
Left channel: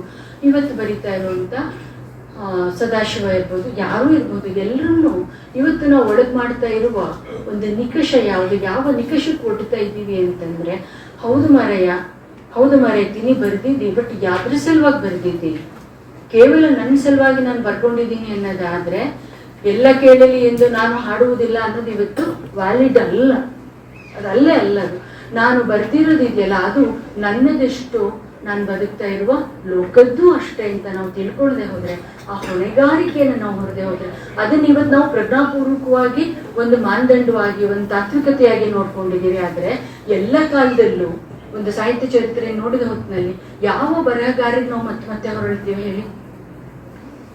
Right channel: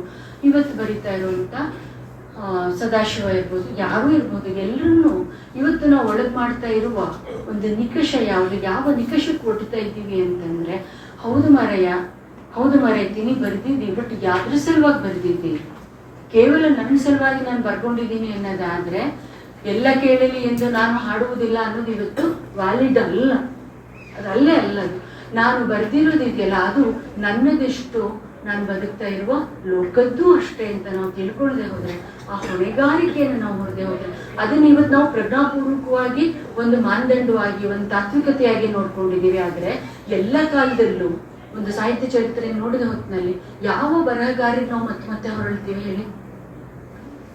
ಇವತ್ತು ಬರಿತಾ ಇರುವಂತ ಸದಾಶಿವ ಇರ್ಬೋದು ಯಾರು ಇರ್ಬೋದು ಎಲ್ಲರೂ ಇವತ್ತು ನಾವು ಒಳಗೆ ಮಾಡ್ತಾ ಇರುವ ಒಂದು ನಿಕಷ ಯಾವುದು, ಯಾವ ನಿಕಷಕ್ಕೆ ಕೊಡ್ತಾ ಇದ್ದೀವಿ ಅಂತಂದ್ರೆ, ಹೌದು ಮಾರಯ್ಯ ಹೌದು ಮಾರಯ್ಯ, ತಿನಿ ಬರ್ದಿದ್ದಿ, ಬಟ್ ಯಾವ್ದ್ರ ಸಲುವಾಗಿ ಬರ್ದಿದ್ದಿ? ಕೇವಲ ನನ್ನ ಸಲುವಾಗಿ ನಾನು ಬರ್ಕೊಂಡಿದ್ದೀನಿ ಅನ್ನೋದಾದ್ರೆ, ಎಲ್ಲ ಕೇಳಲಿ ಎಂದು ನಾನು ಹಾಡುವುದಿಲ್ಲ ಅನ್ನೋದು ಇವತ್ತು ವ್ಯಾಲಿಡ್ ಅಲ್ಲ. ಅದಲ್ಲೇ ಅಲ್ಲ ಅದು. ನಾನು ಬರ್ದಿರೋದಿದೆಯಲ್ಲ, ಅದು ನನ್ನದೆಷ್ಟು ನಾನು ಬದುಕ್ತಾ ಇರುವ ಲೋಕದ್ದು ಅಷ್ಟೇ ಅಂತ ನಾವು ತಿಳ್ಕೊಳ್ಳದೆ ಹೋದ್ರೆ, ಆ ಹೊಣೆಗಾರಿಕೆಯನ್ನು ನಾವು ಹೊರದೆ ಹೋದ್ರೆ, ಅದನ್ನ ಇವತ್ತು ನಾವು ಪ್ರಜ್ಞಾಪೂರ್ವಕವಾಗಿ ಒಂದು ಮಾನದಂಡವಾಗಿ, ಒಂದು ತಾತ್ವಿಕತೆಯಾಗಿ ನೋಡ್ಕೊಂಡಿದ್ದೀವಿ ಆದ್ರೆ, ಎಲ್ಲ ಕಾಲದಲ್ಲೂ ಒಂದು ಸಾಹಿತ್ಯ ಚರಿತ್ರೆ ನೋಡಿದ ಹೊತ್ತಿನಲ್ಲಿ ಯಾವ ಬರಹಗಾರರಿಗೆ ನಾವು ಮತ್ತೆ ಮತ್ತೆ ಹೊರಳ್ತೀವಿ ಹೇಳಿ?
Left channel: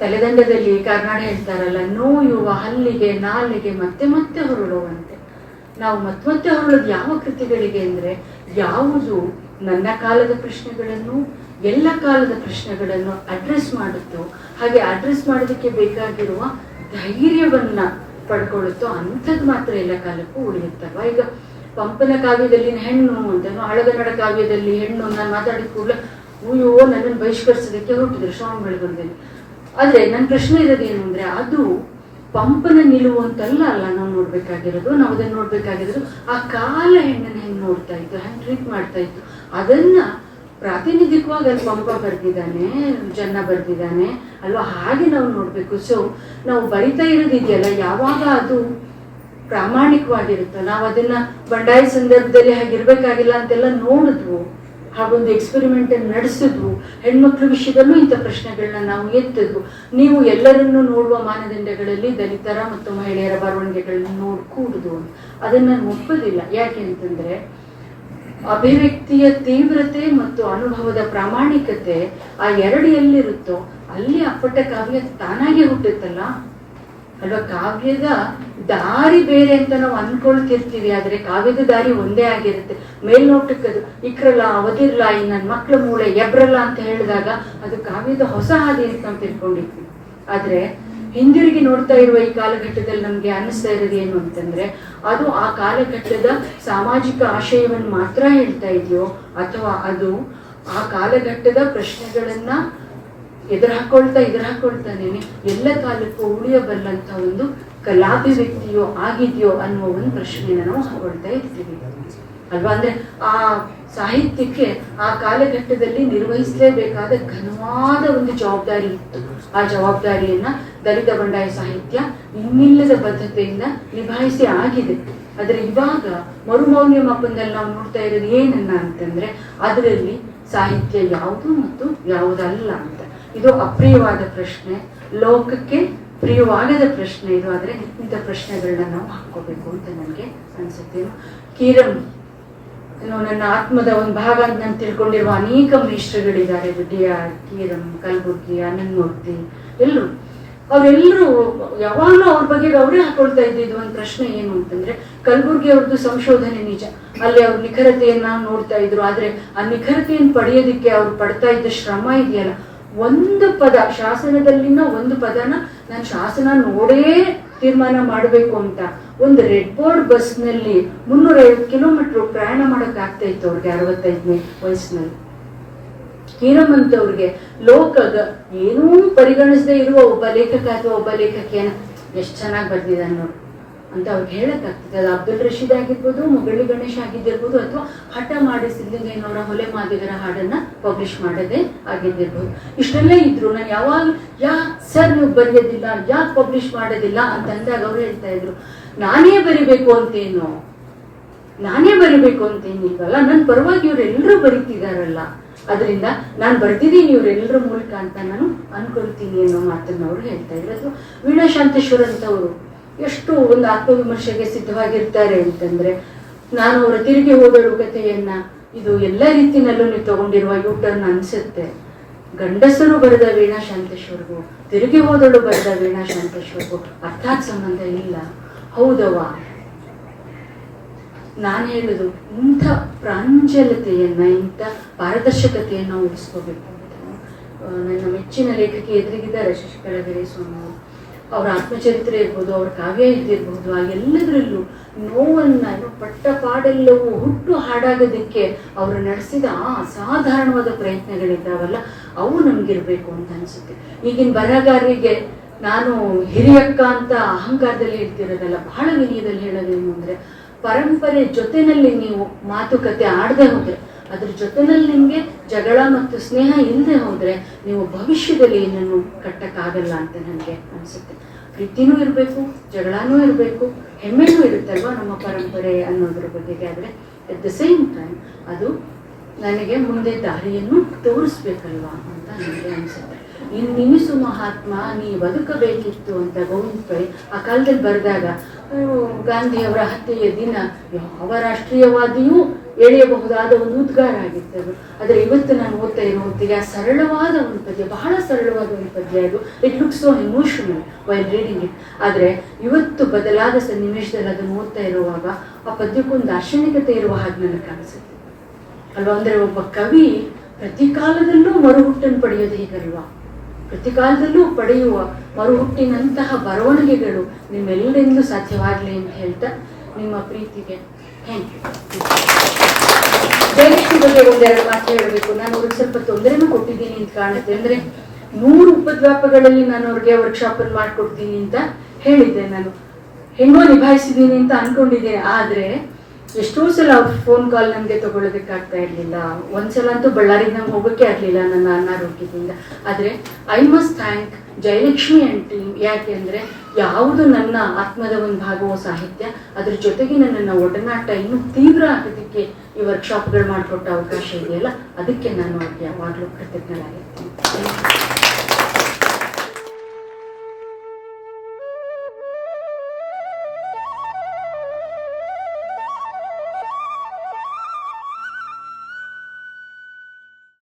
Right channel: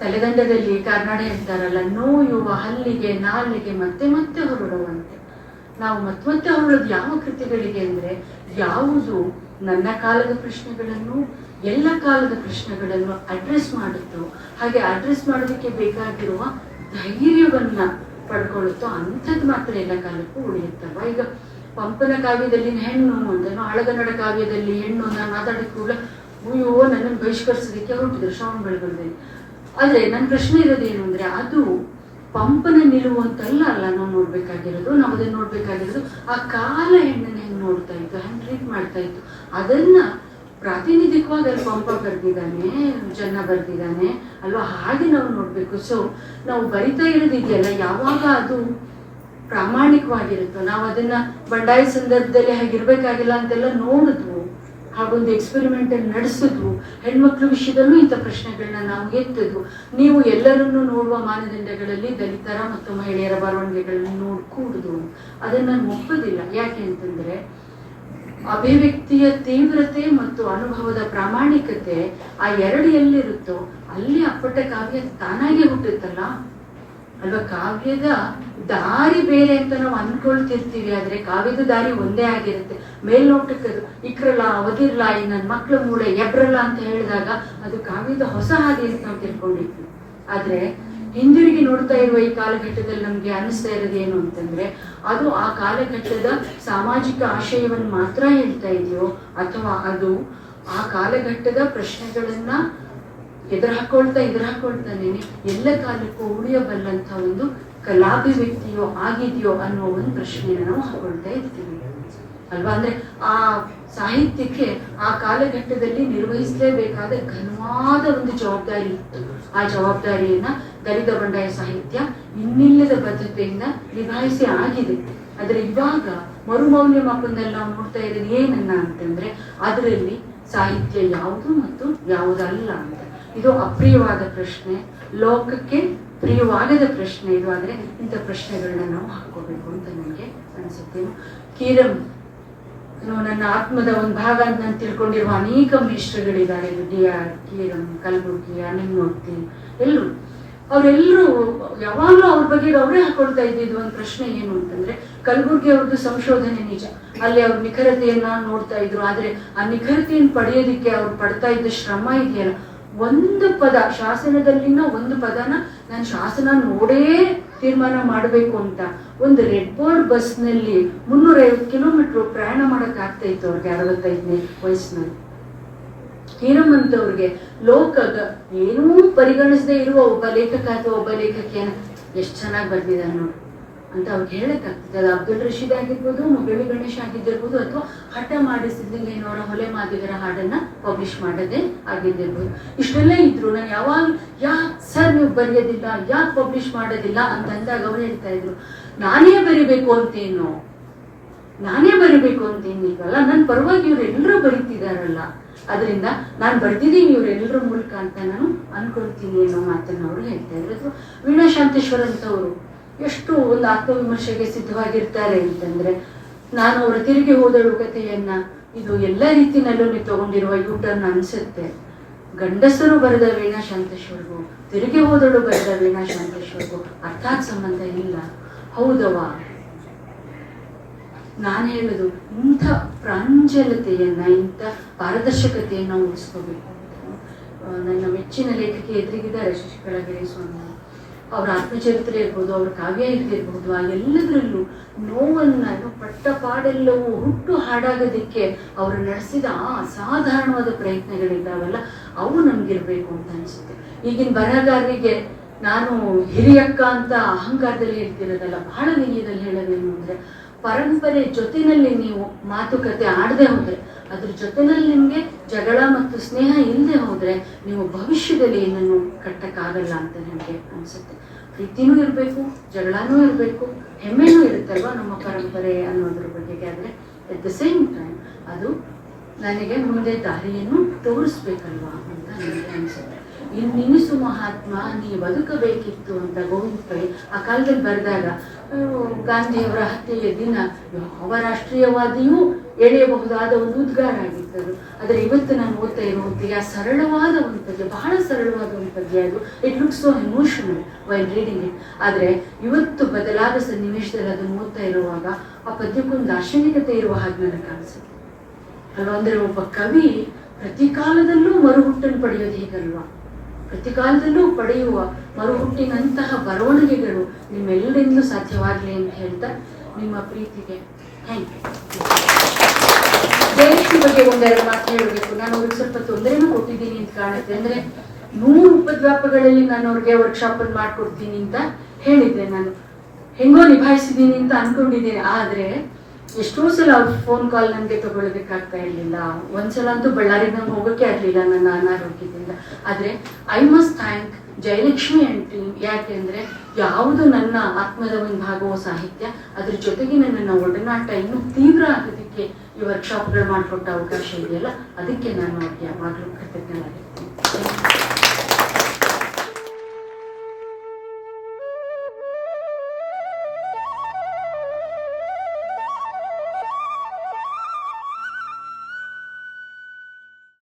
ತಲೆದಂಡದಲ್ಲಿ ಕರ್ನಾಡ ಹೇಳ್ತಾರಲ್ಲ ನೋಯುವ ಹಲ್ಲಿಗೆ, ನಾಲಿಗೆ ಮತ್ತೆ ಮತ್ತೆ ಹೊರಡುವಂತೆ. ನಾವು ಮತ್ತೆ ಮತ್ತೆ ಹೊರಳೋದು ಯಾವ ಕೃತಿಗಳಿಗೆ ಅಂದ್ರೆ, ಯಾವುದು ನನ್ನ ಕಾಲದ ಪ್ರಶ್ನೆಗಳನ್ನು, ಎಲ್ಲ ಕಾಲದ ಪ್ರಶ್ನೆಗಳನ್ನು ಅಡ್ರೆಸ್ ಮಾಡುತ್ತೋ, ಹಾಗೆ ಅಡ್ರೆಸ್ ಮಾಡೋದಕ್ಕೆ ಬೇಕಾಗಿರುವ ಧೈರ್ಯವನ್ನ ಪಡ್ಕೊಳ್ಳುತ್ತೋ ಅಂಥದ್ದು ಮಾತ್ರ ಎಲ್ಲ ಕಾಲಕ್ಕೂ ಉಳಿಯುತ್ತಲ್ವಾ ಈಗ ಪಂಪನ ಕಾವ್ಯದಲ್ಲಿ ಹೆಣ್ಣು ಅಂತನೋ ಹಳಗನ್ನಡ ಕಾವ್ಯದಲ್ಲಿ ಹೆಣ್ಣು ನಾನು ಮಾತಾಡಿದ ಕೂಡಲೇ, ಅಯ್ಯೋ, ನನ್ನನ್ನು ಬಹಿಷ್ಕರಿಸೋದಕ್ಕೆ ಹೊರಟಿದ್ರು ಶ್ರವಣ ಬೆಳಗೊಳದಲ್ಲಿ ಆದ್ರೆ ನನ್ನ ಪ್ರಶ್ನೆ ಇರೋದೇನು ಅಂದ್ರೆ, ಅದು ಪಂಪನ ನಿಲುವು ಅಂತಲ್ಲ ಅಲ್ಲ ನಾವು ನೋಡ್ಬೇಕಾಗಿರೋದು? ನಾವು ಅದನ್ನ ನೋಡ್ಬೇಕಾಗಿರೋದು ಆ ಕಾಲ ಹೆಣ್ಣನ್ನು ಹೆಂಗ್ ನೋಡ್ತಾ ಇತ್ತು, ಹೆಂಗ್ ಟ್ರೀಟ್ ಮಾಡ್ತಾ ಇತ್ತು? ಅದನ್ನ ಪ್ರಾತಿನಿಧಿಕವಾಗಿ ಅಲ್ಲಿ ಪಂಪ ಬರ್ದಿದ್ದಾನೆ ಜನ ಬರ್ದಿದ್ದಾನೆ. ಅಲ್ವಾ? ಹಾಗೆ ನಾವು ನೋಡ್ಬೇಕು. ಸೊ ನಾವು ಬರಿತಾ ಇರೋದಿದೆಯಲ್ಲ ಯಾವಾಗ ಅದು ಪ್ರಾಮಾಣಿಕವಾಗಿರುತ್ತೋ, ನಾವು ಅದನ್ನ ಬಂಡಾಯ ಸಂದರ್ಭದಲ್ಲಿ ಹಾಗಿರ್ಬೇಕಾಗಿಲ್ಲ ಅಂತೆಲ್ಲ ನೋಡಿದ್ವು. ಹಾಗೊಂದು ಎಕ್ಸ್ಪೆರಿಮೆಂಟ್ ನಡೆಸಿದ್ವು. ಹೆಣ್ಮಕ್ಳ ವಿಷಯದಲ್ಲೂ ಇಂಥ ಪ್ರಶ್ನೆಗಳನ್ನ ನಾವು ಎತ್ತಿದ್ವು. ನೀವು ಎಲ್ಲರನ್ನೂ ನೋಡುವ ಮಾನದಂಡಗಳಲ್ಲಿ ದಲಿತರ ಮತ್ತು ಮಹಿಳೆಯರ ಬರವಣಿಗೆಗಳನ್ನು ನೋಡ್ಕೂಡುದು ಅದನ್ನ ನಾನು ಒಪ್ಪೋದಿಲ್ಲ ಯಾಕೆ ಅಂತಂದ್ರೆ ಅಭಿವ್ಯಕ್ತಿಯ ತೀವ್ರತೆ ಮತ್ತು ಅನುಭವದ ಪ್ರಾಮಾಣಿಕತೆ ಆ ಎರಡು ಎಲ್ಲಿರುತ್ತೋ, ಅಲ್ಲಿ ಅಪ್ಪಟ ಕಾವ್ಯ ತಾನಾಗೆ ಹುಟ್ಟುತ್ತಲ್ಲ? ಅಲ್ವಾ? ಕಾವ್ಯದ ದಾರಿ ಬೇರೆ ಅಂತ ನಾವು ಅನ್ಕೊಳ್ತಿರ್ತೀವಿ, ಆದ್ರೆ ಕಾವ್ಯದ ದಾರಿ ಒಂದೇ ಆಗಿರುತ್ತೆ. ಮೇಲ್ನೋಟಕ್ಕೆ ಅದು ಇಕ್ರಲ್ಲ ಅವದಿರ್ಲ ಈ ನನ್ನ ಮಕ್ಳ ಮೂಳೆ ಎಬ್ರಲ್ಲ ಅಂತ ಹೇಳಿದಾಗ ಅದು ಕಾವ್ಯದ ಹೊಸ ಹಾದಿ ಅಂತ ನಾವು ತಿಳ್ಕೊಂಡಿದ್ವಿ ಆದ್ರೆ ಹಿಂದಿರುಗಿ ನೋಡ್ತಾ ಇರುವ ಈ ಕಾಲಘಟ್ಟದಲ್ಲಿ ನಮ್ಗೆ ಅನಿಸ್ತಾ ಇರೋದು ಏನು ಅಂತಂದ್ರೆ, ಅದು ಆ ಕಾಲಘಟ್ಟದ ಸಾಮಾಜಿಕ ಆಶಯವನ್ನು ಮಾತ್ರ ಹೇಳ್ತಾ ಇದೆಯೋ ಅಥವಾ ಅದು ಆ ಕಾಲಘಟ್ಟದ ಪ್ರಶ್ನೆಗಳನ್ನ ಎದುರು ಹಾಕೊಳ್ತಾ ಎದುರು ಹಾಕೊಳ್ತಾನೇನೆ ಎಲ್ಲ ಕಾಲಕ್ಕೂ ಉಳಿಯಬಲ್ಲಂತ ಒಂದು ಕಲಾಭಿವ್ಯಕ್ತಿಯೋ ಆಗಿದೆಯೋ ಅನ್ನೋ ಒಂದು ಪ್ರಶ್ನೆನ ನಾವು ಹಾಕೊಳ್ತಾ ಇರ್ತೀವಿ. ಅಲ್ವಾ? ಅಂದ್ರೆ ಆ ಸಾಹಿತ್ಯಕ್ಕೆ ಆ ಕಾಲಘಟ್ಟದಲ್ಲಿ ನಿರ್ವಹಿಸಲೇಬೇಕಾದ ಘನವಾದ ಒಂದು ಜವಾಬ್ದಾರಿ ಇತ್ತು. ಆ ಜವಾಬ್ದಾರಿಯನ್ನ ದಲಿತ ಬಂಡಾಯ ಸಾಹಿತ್ಯ ಇನ್ನಿಲ್ಲದ ಬದ್ಧತೆಯಿಂದ ನಿಭಾಯಿಸಿ ಆಗಿದೆ. ಆದ್ರೆ ಇವಾಗ ಮರುಮೌಲ್ಯಮಾಪನದಲ್ಲಿ ನಾವು ನೋಡ್ತಾ ಇರೋದು ಏನನ್ನ ಅಂತಂದ್ರೆ ಅದರಲ್ಲಿ ಸಾಹಿತ್ಯ ಯಾವುದು ಮತ್ತು ಯಾವುದಲ್ಲ ಅಂತ. ಇದು ಅಪ್ರಿಯವಾದ ಪ್ರಶ್ನೆ, ಲೋಕಕ್ಕೆ ಪ್ರಿಯವಾಗದ ಪ್ರಶ್ನೆ ಇದು. ಆದರೆ ಇಂಥ ಪ್ರಶ್ನೆಗಳನ್ನ ನಾವು ಹಾಕೋಬೇಕು ಅಂತ ನನಗೆ ಅನ್ಸುತ್ತೆ. ಕೀರಂ ಏನು ನನ್ನ ಆತ್ಮದ ಒಂದು ಭಾಗ ಅಂತ ನಾನು ತಿಳ್ಕೊಂಡಿರುವ ಅನೇಕ ಮೇಷ್ಟ್ರಗಳಿದ್ದಾರೆ ಡಿ ಆರ್ ಕೀರಂ ಕಲಬುರ್ಗಿ, ಅನನ್ಮೂರ್ತಿ, ಎಲ್ಲರೂ. ಅವರೆಲ್ಲರೂ ಯಾವಾಗಲೂ ಅವ್ರ ಬಗ್ಗೆ ಅವರೇ ಹಾಕೊಳ್ತಾ ಇದ್ದಿದ್ದು ಒಂದು ಪ್ರಶ್ನೆ ಏನು ಅಂತಂದ್ರೆ, ಕಲಬುರ್ಗಿ ಅವ್ರದ್ದು ಸಂಶೋಧನೆ ನಿಜ. ಅಲ್ಲಿ ಅವ್ರ ನಿಖರತೆಯನ್ನ ನೋಡ್ತಾ ಇದ್ರು. ಆದ್ರೆ ಆ ನಿಖರತೆಯನ್ನು ಪಡೆಯೋದಿಕ್ಕೆ ಅವ್ರು ಪಡ್ತಾ ಇದ್ದ ಶ್ರಮ ಇದೆಯಲ್ಲ. ಒಂದು ಪದ, ಶಾಸನದಲ್ಲಿನ ಒಂದು ಪದನ ನಾನು ಶಾಸನ ನೋಡೇ ತೀರ್ಮಾನ ಮಾಡಬೇಕು ಅಂತ ಒಂದು ರೆಡ್ ಬೋರ್ಡ್ ಬಸ್ನಲ್ಲಿ ಮುನ್ನೂರೈವತ್ತು ಕಿಲೋಮೀಟರ್ ಪ್ರಯಾಣ ಮಾಡಕ್ ಆಗ್ತಾ ಇತ್ತು ಅವ್ರಿಗೆ ಅರವತ್ತೈದನೇ ವಯಸ್ಸಿನಲ್ಲಿ. ಹೀರಮ್ಮಂತವ್ರಿಗೆ ಲೋಕದ ಏನೂ ಪರಿಗಣಿಸದೆ ಇರುವ ಒಬ್ಬ ಲೇಖಕ ಅಥವಾ ಒಬ್ಬ ಲೇಖಕಿಯನ್ನ ಎಷ್ಟು ಚೆನ್ನಾಗಿ ಬರ್ದಿದ್ದಾನೆ ನೋಡಿ. ಅಂತ ಅವ್ರಿಗೆ ಹೇಳಕ್ಕಾಗ್ತದೆ. ಅದು ಅಬ್ದುಲ್ ರಶೀದ್ ಆಗಿರ್ಬೋದು ಮುಗಳಿ ಗಣೇಶ್ ಆಗಿದ್ದಿರ್ಬೋದು, ಅಥವಾ ಹಠ ಮಾಡಿ ಸಿದ್ಧಲಿಂಗಯ್ಯನವರ ಹೊಲೆ ಮಾದಿಗರ ಹಾಡನ್ನ ಪಬ್ಲಿಷ್ ಮಾಡದೆ ಆಗಿದ್ದಿರ್ಬೋದು. ಇಷ್ಟೆಲ್ಲ ಇದ್ರು. ನಾನು ಯಾವಾಗ, ಯಾ, ಸರ್ ನೀವು ಬರೆಯೋದಿಲ್ಲ, ಯಾಕೆ ಪಬ್ಲಿಷ್ ಮಾಡೋದಿಲ್ಲ ಅಂತ ಅಂದಾಗ ಅವ್ರು ಹೇಳ್ತಾ ಇದ್ರು. ನಾನೇ ಬರಿಬೇಕು ಅಂತೇನು. ನಾನೇ ಬರಿಬೇಕು ಅಂತೇನು ಏನಿಲ್ವಲ್ಲ ನನ್ನ ಪರವಾಗಿ ಇವರೆಲ್ಲರೂ ಬರೀತಿದಾರಲ್ಲ. ಅದರಿಂದ ನಾನು ಬರ್ತಿದ್ದೀನಿ ಇವರೆಲ್ಲರ ಮೂಲಕ ಅಂತ ನಾನು ಅನ್ಕೊಳ್ತೀನಿ ಅನ್ನೋ ಮಾತನ್ನ ಅವ್ರು ಹೇಳ್ತಾ ಇದ್ರು. ಅಥವಾ ವೀಣಾ ಶಾಂತೇಶ್ವರ್ ಅಂತವರು ಎಷ್ಟು ಒಂದು ಆತ್ಮವಿಮರ್ಶೆಗೆ ಸಿದ್ಧವಾಗಿರ್ತಾರೆ ಅಂತಂದ್ರೆ ನಾನು ಅವರ ತಿರುಗಿ ಹೋದಳು ಕಥೆಯನ್ನ ಇದು ಎಲ್ಲ ರೀತಿಯಲ್ಲೂ ನೀವು ತಗೊಂಡಿರುವ ಯೂಟರ್ನ್ ಅನ್ಸುತ್ತೆ. ಗಂಡಸರು ಬರೆದ ವೀಣಾ ಶಾಂತೇಶ್ವರ್ಗೂ, ತಿರುಗಿ ಹೋದಳು ಬರೆದ ವೀಣಾ ಶಾಂತೇಶ್ವರ್ಗೂ ಅರ್ಥಾತ್ ಸಂಬಂಧ ಇಲ್ಲ. ಹೌದವಾ ನಾನು ಹೇಳೋದು, ಇಂಥ ಪ್ರಾಂಜಲತೆಯನ್ನ, ಇಂಥ ಪಾರದರ್ಶಕತೆಯನ್ನ ಉಳಿಸ್ಕೋಬೇಕು ಅಂತ. ನನ್ನ ಮೆಚ್ಚಿನ ಲೇಖಕಿ ಎದುರಿಗಿದ್ದಾರೆ ಶಶಿಕಲಾ ಸ್ವಾಮಿ. ಅವರ ಆತ್ಮಚರಿತ್ರೆ ಇರ್ಬೋದು, ಅವರ ಕಾವ್ಯ ಇದ್ದಿರ್ಬೋದು ಆ ಎಲ್ಲದರಲ್ಲೂ ನೋವನ್ನ ಪಟ್ಟ ಪಾಡೆಲ್ಲವೂ ಹುಟ್ಟು ಹಾಡಾಗೋದಕ್ಕೆ ಅವರು ನಡೆಸಿದ ಆ ಅಸಾಧಾರಣವಾದ ಪ್ರಯತ್ನಗಳಿದ್ದಾವಲ್ಲ, ಅವು ನಮ್ಗಿರ್ಬೇಕು ಅಂತ ಅನ್ಸುತ್ತೆ. ಈಗಿನ ಬರಹಗಾರರಿಗೆ ನಾನು ಹಿರಿಯಕ್ಕ ಅಂತ ಅಹಂಕಾರದಲ್ಲಿ ಇರ್ತಿರೋದಲ್ಲ, ಬಹಳ ವಿನಯದಲ್ಲಿ ಹೇಳೋದೇನು ಅಂದ್ರೆ ಪರಂಪರೆ ಜೊತೆನಲ್ಲಿ ನೀವು ಮಾತುಕತೆ ಆಡದೆ ಹೋದ್ರೆ, ಅದ್ರ ಜೊತೆನಲ್ಲಿ ನಿಮ್ಗೆ ಜಗಳ ಮತ್ತು ಸ್ನೇಹ ಇಲ್ಲದೆ ಹೋದ್ರೆ ನೀವು ಭವಿಷ್ಯದಲ್ಲಿ ಏನನ್ನು ಕಟ್ಟಕ್ಕಾಗಲ್ಲ ಅಂತ ನನಗೆ ಅನ್ಸುತ್ತೆ. ಪ್ರೀತಿನೂ ಇರಬೇಕು, ಜಗಳನೂ ಇರಬೇಕು, ಹೆಮ್ಮೆನೂ ಇರುತ್ತೆ ಅಲ್ವಾ ನಮ್ಮ ಪರಂಪರೆ ಅನ್ನೋದ್ರ ಬಗ್ಗೆ ಆದ್ರೆ ಅಟ್ ದ ಸೇಮ್ ಟೈಮ್ ಅದು ನನಗೆ ಮುಂದೆ ದಾರಿಯನ್ನು ತೋರಿಸ್ಬೇಕಲ್ವಾ ಅಂತ ನನಗೆ ಅನ್ಸುತ್ತೆ. ಇನ್ನು ನಿಮಿಸು ಮಹಾತ್ಮ ನೀ ಬದುಕಬೇಕಿತ್ತು ಅಂತ ಗೋವಿಂದ ಪೈ ಆ ಕಾಲದಲ್ಲಿ ಬರೆದಾಗ ಗಾಂಧಿಯವರ ಹತ್ಯೆಯ ದಿನ ಯಾವ ರಾಷ್ಟ್ರೀಯವಾದಿಯೂ ಎಳೆಯಬಹುದಾದ ಒಂದು ಉದ್ಗಾರ ಆಗಿತ್ತದು. ಆದರೆ ಇವತ್ತು ನಾನು ಓದ್ತಾ ಇರೋ ಹೊತ್ತಿಗೆ ಸರಳವಾದ ಒಂದು ಪದ್ಯ, ಬಹಳ ಸರಳವಾದ ಒಂದು ಪದ್ಯ ಅದು. It look so emotional while reading it ಆದರೆ ಇವತ್ತು ಬದಲಾದ ಸನ್ನಿವೇಶದಲ್ಲಿ ಅದನ್ನು ಓದ್ತಾ ಇರುವಾಗ ಆ ಪದ್ಯಕ್ಕೊಂದು ದಾರ್ಶನಿಕತೆ ಇರುವ ಹಾಗೆ ನನಗೆ ಕಾಣಿಸುತ್ತೆ ಅಲ್ವಾ? ಅಂದರೆ ಒಬ್ಬ ಕವಿ ಪ್ರತಿ ಕಾಲದಲ್ಲೂ ಮರುಹುಟ್ಟನ್ನು ಪಡೆಯೋದು ಹೇಗಲ್ವಾ? ಪ್ರತಿ ಕಾಲದಲ್ಲೂ ಪಡೆಯುವ ಮರುಹುಟ್ಟಿನಂತಹ ಬರವಣಿಗೆಗಳು ನಿಮ್ಮೆಲ್ಲರಿಂದಲೂ ಸಾಧ್ಯವಾಗಲಿ ಅಂತ ಹೇಳ್ತಾ ನಿಮ್ಮ ಪ್ರೀತಿಗೆ ಥ್ಯಾಂಕ್ ಯು ಬಗ್ಗೆ ಒಂದೆರಡು ಮಾತು ಹೇಳಬೇಕು. ನಾನು ಅವ್ರಿಗೆ ಸ್ವಲ್ಪ ತೊಂದರೆನೂ ಕೊಟ್ಟಿದ್ದೀನಿ ಅಂತ ಕಾಣುತ್ತೆ. ಅಂದ್ರೆ ಮೂರು ಉಪದ್ವಾಪಗಳಲ್ಲಿ ನಾನು ಅವ್ರಿಗೆ ವರ್ಕ್ಶಾಪ್ ಅನ್ನು ಮಾಡ್ಕೊಡ್ತೀನಿ ಅಂತ ಹೇಳಿದ್ದೆ ನಾನು. ಹೆಂಗೋ ನಿಭಾಯಿಸಿದ್ದೀನಿ ಅಂತ ಅನ್ಕೊಂಡಿದ್ದೀನಿ ಆದ್ರೆ ಎಷ್ಟೋ ಸಲ ಫೋನ್ ಕಾಲ್ ನನಗೆ ತಗೊಳ್ಳೋದಕ್ಕಾಗ್ತಾ ಇರ್ಲಿಲ್ಲ. ಒಂದ್ಸಲ ಅಂತೂ ಬಳ್ಳಾರಿಯಿಂದ ನಂಗೆ ಹೋಗೋಕೆ ಆಗ್ಲಿಲ್ಲ ನನ್ನ ಅನಾರೋಗ್ಯದಿಂದ. ಆದ್ರೆ I must thank Jayalakshmi and team ಯಾಕೆ ಅಂದರೆ, ಯಾವುದು ನನ್ನ ಆತ್ಮದ ಒಂದು ಭಾಗವೋ ಸಾಹಿತ್ಯ, ಅದ್ರ ಜೊತೆಗೆ ನನ್ನ ಒಡನಾಟ ಇನ್ನೂ ತೀವ್ರ ಆಗೋದಕ್ಕೆ ಈ ವರ್ಕ್ಶಾಪ್ಗಳು ಮಾಡಿಕೊಟ್ಟ ಅವಕಾಶ ಇದೆಯಲ್ಲ, ಅದಕ್ಕೆ ನಾನು ಯಾವಾಗಲೂ ಕೃತಜ್ಞರಾಗಿರ್ತೀನಿ